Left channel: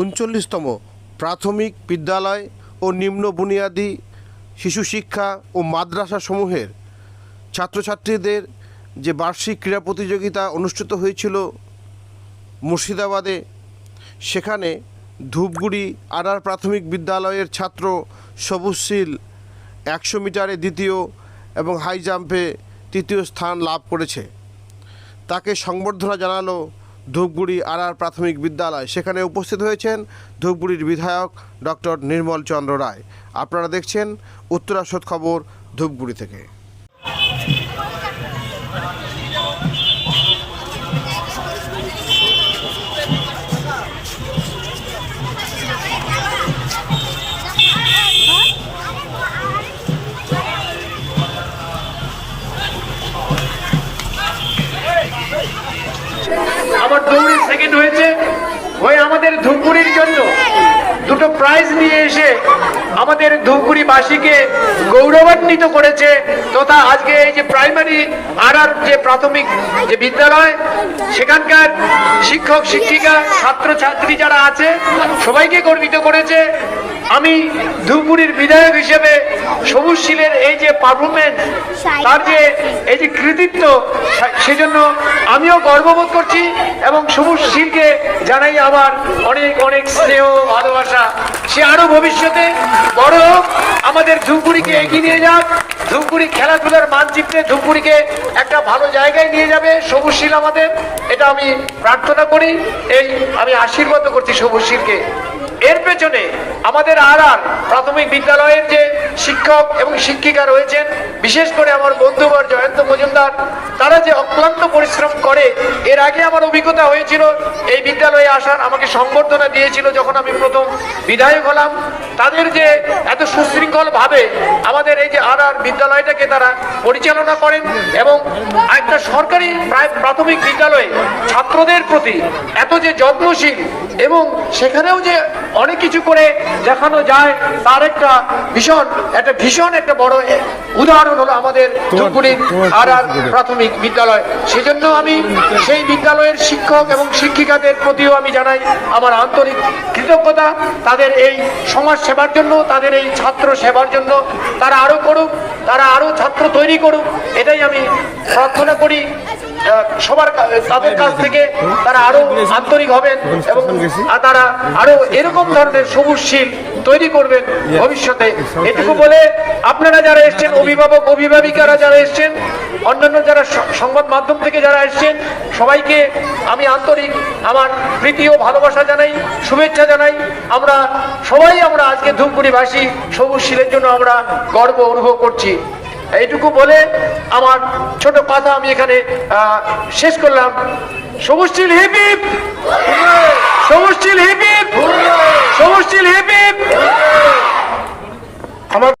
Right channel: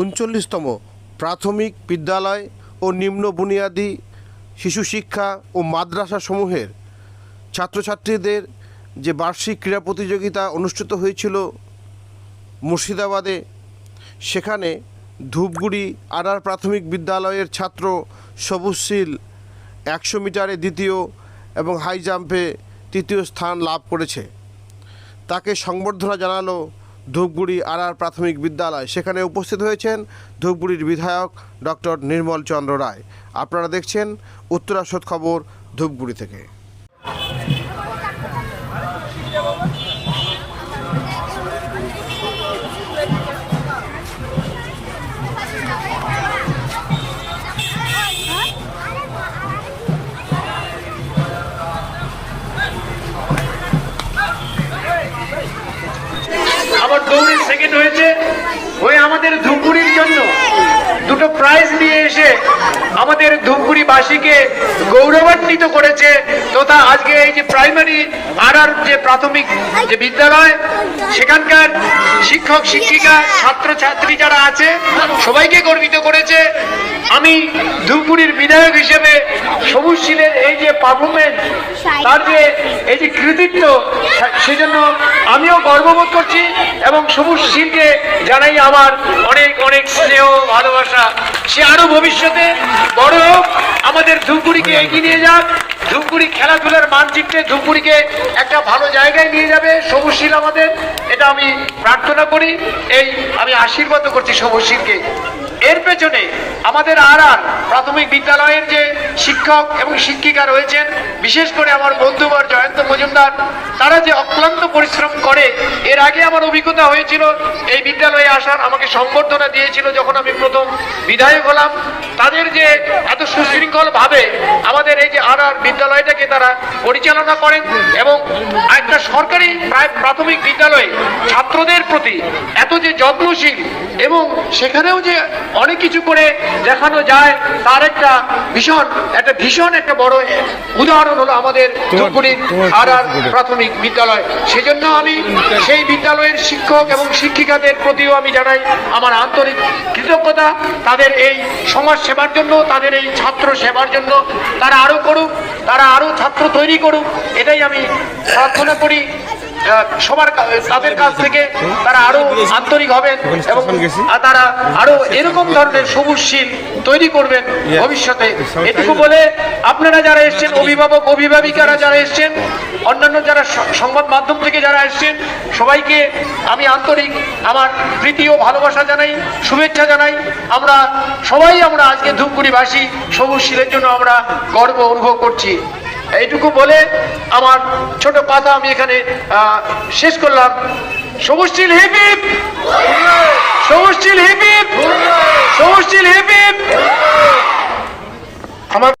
উনচল্লিশতম প্রাথমিক বিদ্যালয় ও নিম্ন বুনিয়াদী শিশু শিক্ষা ও মাদ্রাসা সমূহের ছাত্রছাত্রীদের যে বার্ষিক ক্রীড়া প্রতিযোগিতা অনুষ্ঠিত হয়েছিল মুর্শিদাবাদে, সেখানে ধূপগুড়ি আড়ার প্রাথমিক বিদ্যালয়ের ছাত্র সবুজশীল একশো মিটারে দ্বিতীয় এবং হাই জাম্পে তৃতীয় স্থান লাভ করেছে। তাকে সংবর্ধনা জানালো ধূপগুড়ি আড়ার প্রাথমিক বিদ্যালয়। সেখানে উপস্থিত হয়েছেন ধূপগুড়ির বিধায়ক ডক্টর নির্মল চন্দ্র রায়। আপনারা দেখছেন উত্তরাসদ খবর ধূপগুড়ি থেকে। আমার দৌড়ে সেকেন্ড হয়েছে। ওই আমাদের ধূপগুড়ির জন্য। দুটো প্রাইজ নিয়ে এসে আমাদের ধূপগুড়ি বাসীকে গৌরবান্বিত করেছে। তথা আজকে এই যে প্রাইমারি ভাড়ার যে প্রাথমিক যে বিদ্যালয়, সেখানকার শিক্ষক, শিক্ষিকা ছাত্র ছাত্রী যারা আছে, সবাইকে গর্বিত করেছে। আমি ধূপগুড়ির বিধায়ক হিসেবে সবুজ শিলের এই যে পারফরমেন্স তার যে এই যে কৃতিত্ব, সেজন্য আমিও গর্ববোধ করছি এবং সবুজ শিলকে জানাই আমার অনেক অনেক স্নেহ, ভালোবাসা। সে আরও ভবিষ্যতে বড় হোক। আমাদের ধূপগুড়িকে এগিয়ে নিয়ে যাক। ধূপগুড়ি খেলাধুলার মানচিত্রে ধূপগুড়িকে একটা ভালো জায়গায় নিয়ে যাবে সবুজ শিল আমাদের। এটা আমি প্রার্থনা করি। এই আমি আশীর্বাদ করছি সবুজ শিলকে। এর পেছনে আমাদের আর প্রাথমিক বিদ্যালয়ের যে শিক্ষক এবং শিক্ষিকা রয়েছেন, বিশেষ করে আমার বন্ধুবর জয়ন্ত মজুমদার, তারা যে অক্লান্ত পরিশ্রম করে, এর আগে আমার অভিজ্ঞতা হয়েছিল, এই বিদ্যালয়ে আসার আমাকে সংবর্ধনা দিয়েছিল যখন আমি প্রথম বিধায়ক হলাম। তাদের যে এত সুশৃঙ্খল ভাবে আমাদের এই যে আর আর বিদ্যালয়টাকে তারা পরিচালনা করেন এবং একটা সরকারি প্রায় প্রাথমিক বিদ্যালয়ে ছাত্রদের প্রতি এত যে যত্নশীল এবং সেখানেও যে অনেক কিছু করে দেখানো যায় তার একটা ভীষণ একটা ভীষণ একটা বড় উদাহরণ হলো আমাদের ধূপগুড়ির প্রাথমিক বিদ্যালয়। সেজন্য আমি সেই বিদ্যালয়ের শিক্ষক এবং শিক্ষিকাদের প্রতিও আমি জানাই আমার আন্তরিক কৃতজ্ঞতা। তাদের এই সমাজ সেবার জন্য তাদের এই ছাত্র সেবার জন্য তারা আরও করুক তারা ছাত্র তৈরি করুক, এটাই আমি প্রার্থনা করি। সবার তাদের কাছ থেকে তারা আরও আন্তরিক হবেন এবং তারা আরও এরকম ধরনের সবুজশীল তৈরি করবেন ভবিষ্যতে। এটুকু বলে আপনারা যারা এসছেন, অভিভাবক, অভিভাবিকারা যারা এসছেন, অন্যান্য যারা সংবাদ মাধ্যম থেকে যারা এসছেন, সবাইকে আমি আন্তরিক আমার প্রীতি ও ভালোবাসা জানাই, শুভেচ্ছা জানাই। আমরা সবাই আমরা আজকে ধূপগুড়িবাসী, সবুজ শিলের জন্য আমরা গর্ব অনুভব করছি। এইটুকু বলে আমার ছোট কথা আমি এখানে শেষ করলাম। সবুজ হিপিপ সমষ্টিল হিপিপ হিপ হিপ সবুজ স্টিল হিপ হিপ আমার